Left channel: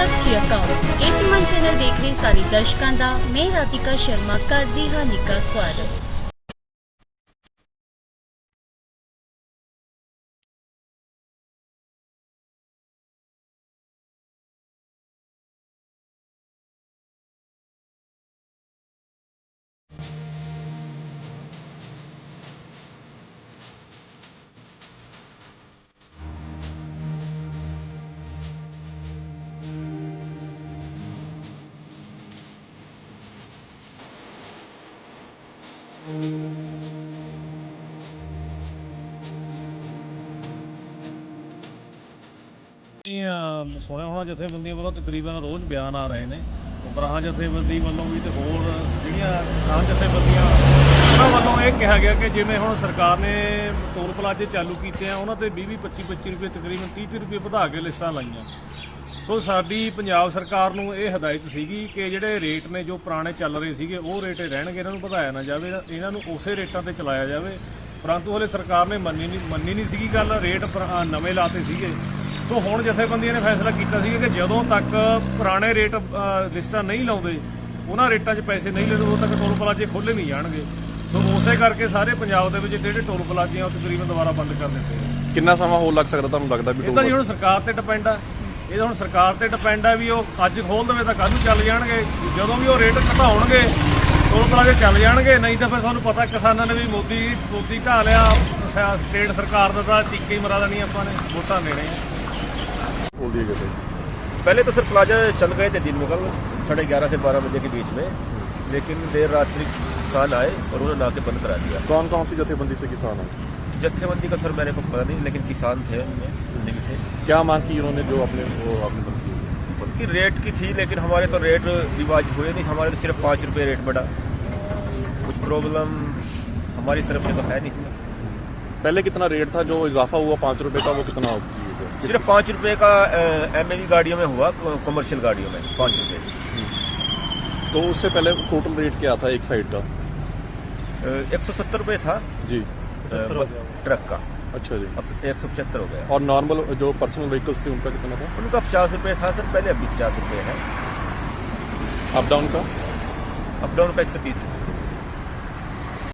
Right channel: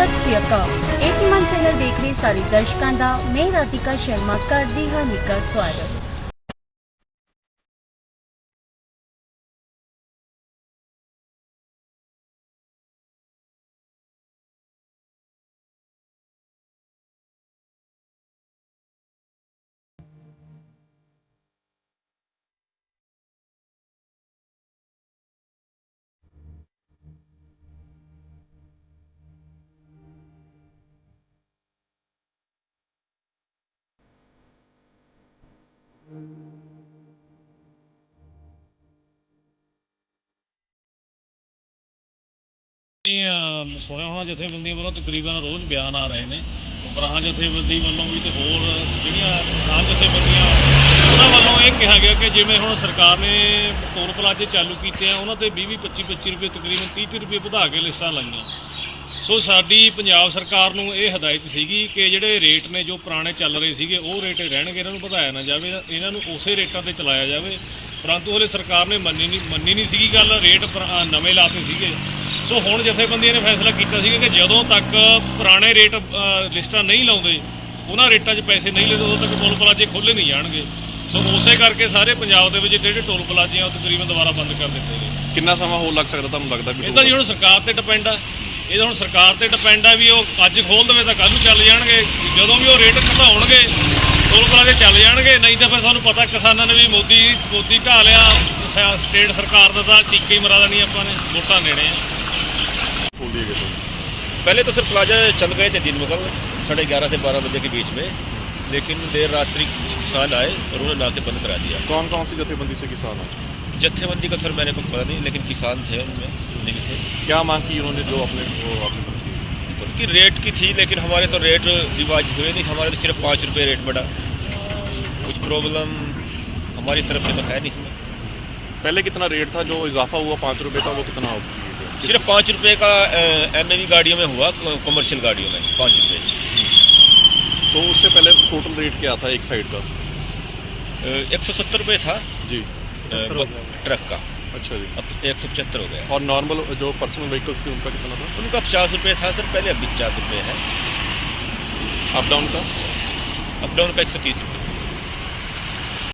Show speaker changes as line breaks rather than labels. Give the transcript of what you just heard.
ਸਤਿ ਸ਼੍ਰੀ ਅਕਾਲ। ਏਪੀਮਨ ਚੈਨਲ ਦੇਖ ਰਹੇ ਸਾਰੇ ਦਰਸ਼ਕਾਂ ਦਾ, ਮੈਂ ਰਾਧਿਕਾ ਸ਼ਰਮਾ ਕਰਦੀ ਹਾਂ ਨਿੱਘਾ ਸਵਾਗਤ।
ਜੀ ਅਹ, ਸੁਣਿਆ ਹੋਣਾ ਜਥੇਬੰਦੀਆਂ ਵੱਲੋਂ ਤਕਰੀਬਨ ਰੋਜ਼ ਬਿਆਨ ਆ ਰਹੇ ਨੇ। ਉਪਰਾਹਾਂ ਜਥੇਬੰਦੀ ਵੱਲੋਂ ਵੀ ਤੇ ਹੋਰ ਜਿਹੜੀਆਂ ਕਿਸਾਨ ਜਥੇਬੰਦੀਆਂ ਉਹਨਾਂ ਵੱਲੋਂ ਇਹ ਕਿਹਾ ਗਿਆ ਕਿ ਜਿਵੇਂ ਹੁਣ ਸਰਕਾਰ ਨੇ ਟੋਲ ਪਲਾਜ਼ੇ ਚਾਲੂ ਕੀਤੇ ਆ ਉਹਨਾਂ ਤੇ 20 20 25 25 ਰੁਪਏ ਤਕਰੀਬਨ 30 ਤੀਹ ਰੁਪਏ ਵਧਾ ਕੇ ਲਿਸਟਾਂ ਲਾਈਆਂ। ਸੋ ਸਾਡੀ ਪੰਜਾਬ ਸਰਕਾਰ ਨੂੰ ਇਹ ਹਦਾਇਤ ਸੀਗੀ ਕਿ ਜਿਹੜੇ ਰੇਟ ਨੇ ਜੋ ਪੁਰਾਣੇ ਚੱਲ ਰਹੇ ਸੀਗੇ ਉਹ ਰੇਟ ਰਹਿਣਗੇ ਇਹਨਾਂ ਨੂੰ ਵਧਾਇਆ ਨਾ ਜਾਵੇ ਇਹਨਾਂ ਨੂੰ ਉਸੇ ਰੇਟਾਂ ਤੇ ਚਲਾਇਆ ਜਾਵੇ। ਪਰੰਤੂ ਹਲੇ ਸਰਕਾਰ ਨੇ ਮੰਨੀ ਨਹੀਂ ਮੰਨੀ ਨਹੀਂ ਸੀਗੀ ਗੱਲ ਰੇਟ ਨਵੇਂ ਲਾਤੇ ਸੀਗੇ। ਸੋ ਹੁਣ ਜਥੇਬੰਦੀਆਂ ਨੇ ਫੈਸਲਾ ਕੀਤਾ ਸੀਗਾ ਕਿ ਜਦੋਂ ਤੱਕ ਪੁਰਾਣੇ ਰੇਟ ਲਿਸਟਾਂ ਨਹੀਂ ਲਾਉਂਦੇ ਉਹਨਾਂ ਰੇਟਾਂ 'ਚ ਪੈਸੇ ਨਹੀਂ ਲੈਂਦੇ ਉਦੋਂ ਤੱਕ ਟੋਲ ਪਲਾਜ਼ੇ ਖੋਲੇ ਨਹੀਂ ਜਾਣਗੇ। ਸੋ ਉਸੇ ਕਰਕੇ ਸਾਰੇ ਪੰਜਾਬ ਦੇ ਵਿੱਚ ਜਿਹੜੇ ਟੋਲ ਪਲਾਜ਼ੇ ਆ ਉਹ ਤਕਰੀਬਨ ਦੁਬਾਰਾ ਬੰਦ ਕਰ ਦਿੱਤੇ ਗਏ।
ਕਿੰਨਾ ਸਮਾਂ ਹੋਰ ਲੱਗ ਸਕਦਾ ਤੁਹਾਨੂੰ ਲੱਗਦਾ ਵੀ
ਇਹ ਤਾਂ ਜੀ ਹੁਣ ਸਰਕਾਰ ਤੇ ਡਿਪੈਂਡ ਆ। ਇਹ ਤਾਂ ਹੁਣ ਸਰਕਾਰ ਤੇ ਡਿਪੈਂਡ ਆ ਵੀ ਉਹ ਅੱਜ ਖੋਲ ਦੇਵੇ ਤਾਂ ਕੱਲ ਨੂੰ ਚੱਲ ਜਾਣਗੇ ਜਦੋਂ ਵੀ ਉਹ ਰੇਟ ਘਟਾਉਣਗੇ ਟੋਲ ਪਲਾਜ਼ੇ ਚੱਲ ਜਾਣਗੇ ਨਹੀਂ ਤਾਂ ਫਿਰ ਤੁਹਾਨੂੰ ਪਤਾ ਕਿਸਾਨਾਂ ਨੇ ਵੀ ਮੋਦੀ ਮੋਦੀ ਢਾ ਲਿਆ ਸ- ਸਟੇਟ ਸਰਕਾਰ ਦਾ ਤਾਂ ਚੀਕੇ ਹੀ ਮਰਾ ਦੇਣੀ ਆਪਾਂ ਨੇ ਵੋਟਾਂ ਨੇੜੇ ਆ
बोल दिए गए
पहले तो सर प्लाजा चल गए थे दिन में कल साढ़े ग्यारह से बारह बजे के बीच में लेकिन देर रात्रि किसान आए और उन्होंने नाके बंद करा दिया
कौन कौन सी जथेबंदी से किसान हैं
जत्थेबंदी का सर मैंने को पता नहीं लेकिन किसान थे उनमें उनमें भी थे।
क्या मांग की उन्होंने जो अपने वो आपने
उनकी रेट की थी लेकिन हमारे तो रेट रिवाज हुए नहीं हमारे तो सिर्फ़ पाँच रुपये रेट बढ़ा। कुछ प्रॉब्लम हमारी तरफ़ से तो है नहीं इसमें।
पहले कितना रेट था जो इजाफा हुआ पाँच रुपये का वो कितना
सिर्फ़ पाँच रुपये का एमएवी गाड़ियों में हुआ कमर्शियल गाड़ियों में पाँच रुपये
तो उससे पहले टोटल रेट क्या था एक साइड का?
एक सौ सत्तर रुपये था।
जी।
ट्रक का।
अच्छा जी।
अब एक सौ पचहत्तर हो गया।
और नॉर्मल जो पर्सनल व्हीकल्स थे उनका कितना था?
उनका पचास रुपये था सर पहले अभी पचास रुपये है।
अप डाउन का?
अप डाउन का एक सौ तीस रुपये।